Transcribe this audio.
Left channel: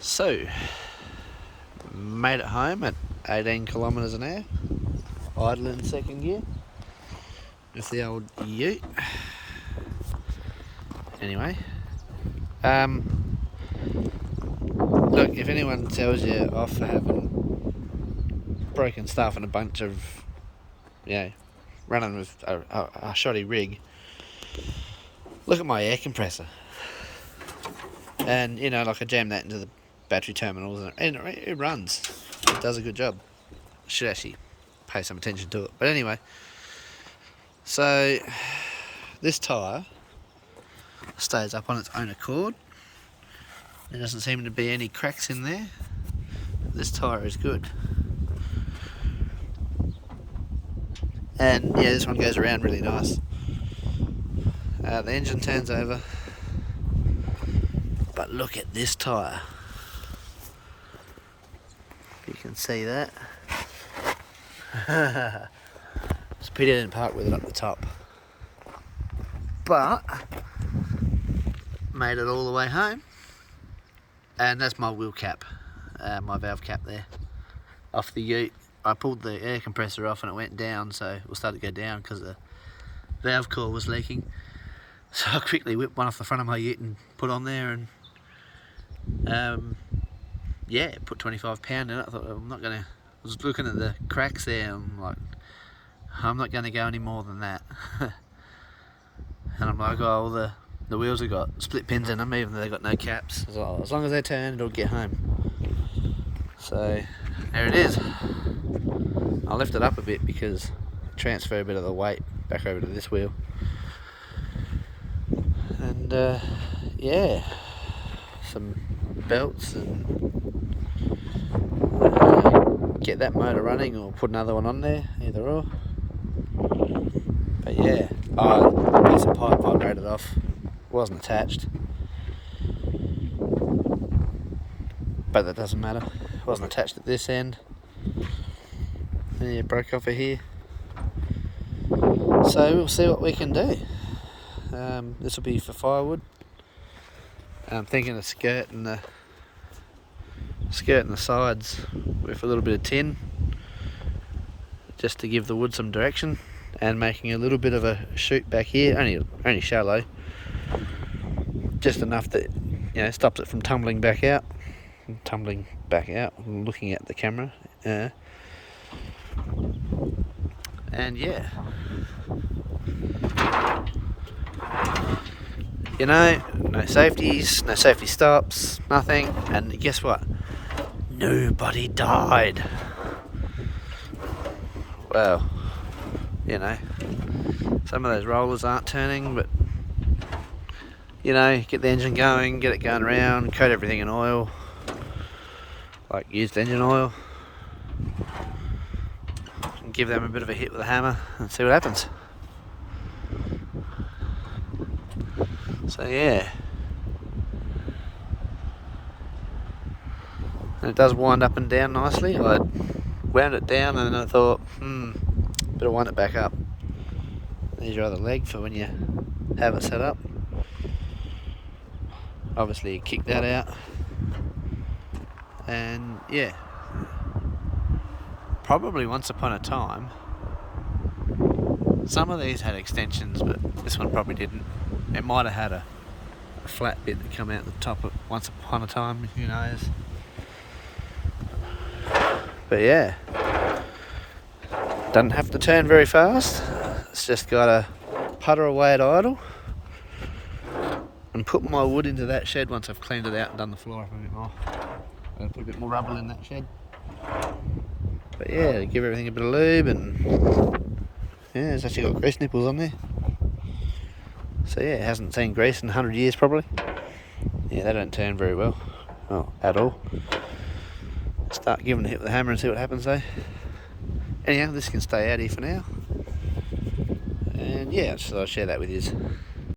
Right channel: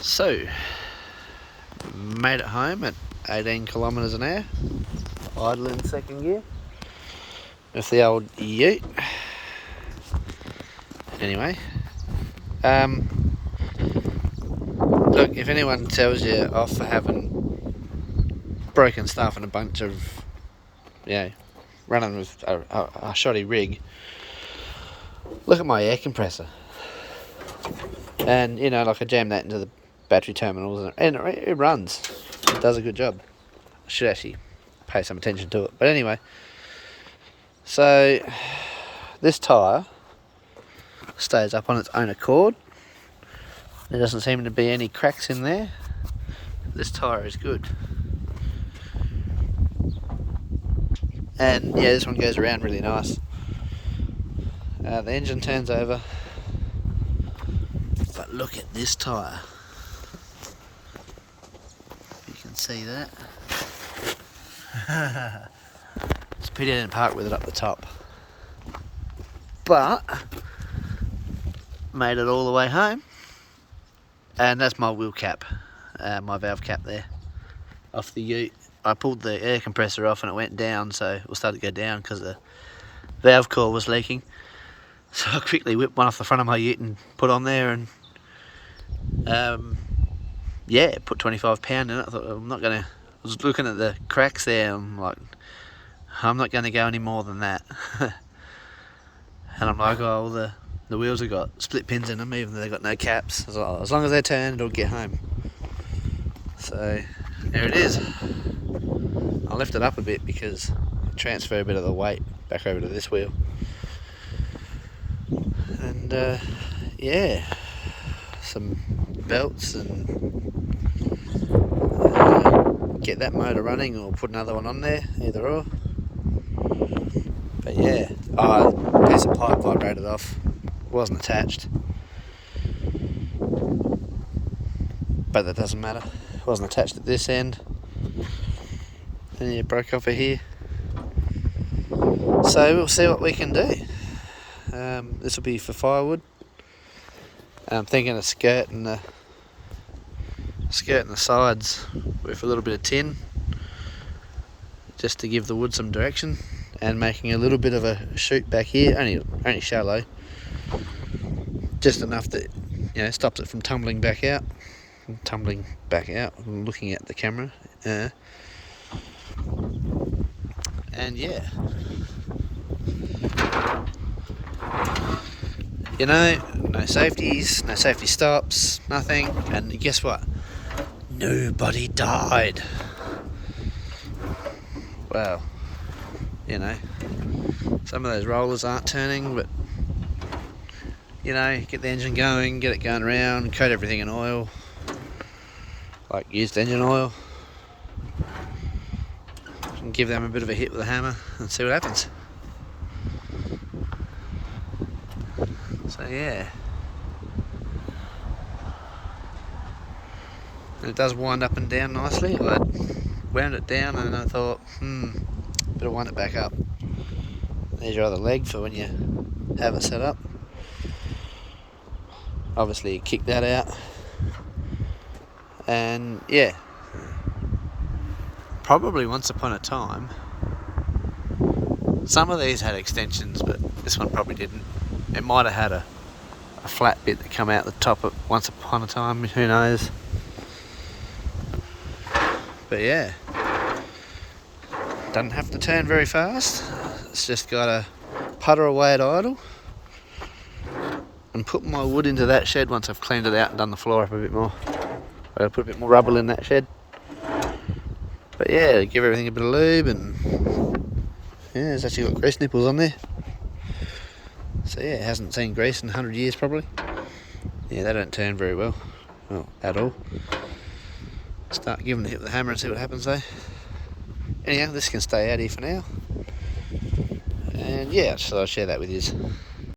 So, made it home at 18 kilometres an hour, idling second gear with the old ute. Anyway, look, if anyone tells you off for having broken stuff and a bunch of, running with a shoddy rig, look at my air compressor. And, like I jammed that into the battery terminals and it runs. It does a good job. I should actually pay some attention to it. But anyway, so this tyre stays up on its own accord. There doesn't seem to be any cracks in there. This tyre is good. And yeah, this one goes around really nice. The engine turns over. But look at this tyre. You can see that. It's a pity I didn't park with it up the top. But made it all the way home. And that's my wheel cap, my valve cap there, off the ute. I pulled the air compressor off and it went down, so it started to go down because the valve core was leaking. So I quickly whipped one off the front of my ute and put on there and put 25 pound in it. I thought I was looking at the cracks there, I'm like, I'm not going to go any more than that. And I'm like, oh, the wheels have got split pins in them, even though they've got no caps. As long as they turn, it'll get home. So there it is. I'll lift it up a bit because transfer a bit of the weight back over to this wheel. And some belts and get that motor running or put another one on there, either or. But yeah, a piece of pipe I rated off, wasn't attached, but that doesn't matter, it wasn't attached at this end, and it broke off of here. So we'll see what we can do. This will be for firewood. I'm thinking of skirting the sides with a little bit of tin, just to give the wood some direction, and making a little bit of a chute back here, only shallow, just enough that stops it from tumbling back out. I'm looking at the camera, and yeah, no safeties, no safety stops, nothing. And guess what? Nobody died. Well, some of those rollers aren't turning, but get the engine going, get it going around, coat everything in oil, like used engine oil, and give them a bit of a hit with a hammer and see what happens. So yeah, and it does wind up and down nicely. I wound it down and I thought, better wind it back up. There's your other leg for when you have it set up. Obviously you kick that out, and yeah, probably once upon a time some of these had extensions, but this one probably didn't. It might have had a flat bit that come out the top of once upon a time, who knows. But yeah, doesn't have to turn very fast. It's just got to putter away at idle and put my wood into that shed once I've cleaned it out and done the floor up a bit more. I'll put a bit more rubble in that shed. But yeah, give everything a bit of lube, and yeah, it's actually got grease nipples on there. So yeah, it hasn't seen grease in 100 years probably. Yeah, they don't turn very well, at all. Start giving it a hit with the hammer and see what happens though. Anyhow, this can stay out here for now. And yeah, so I'll share that with you.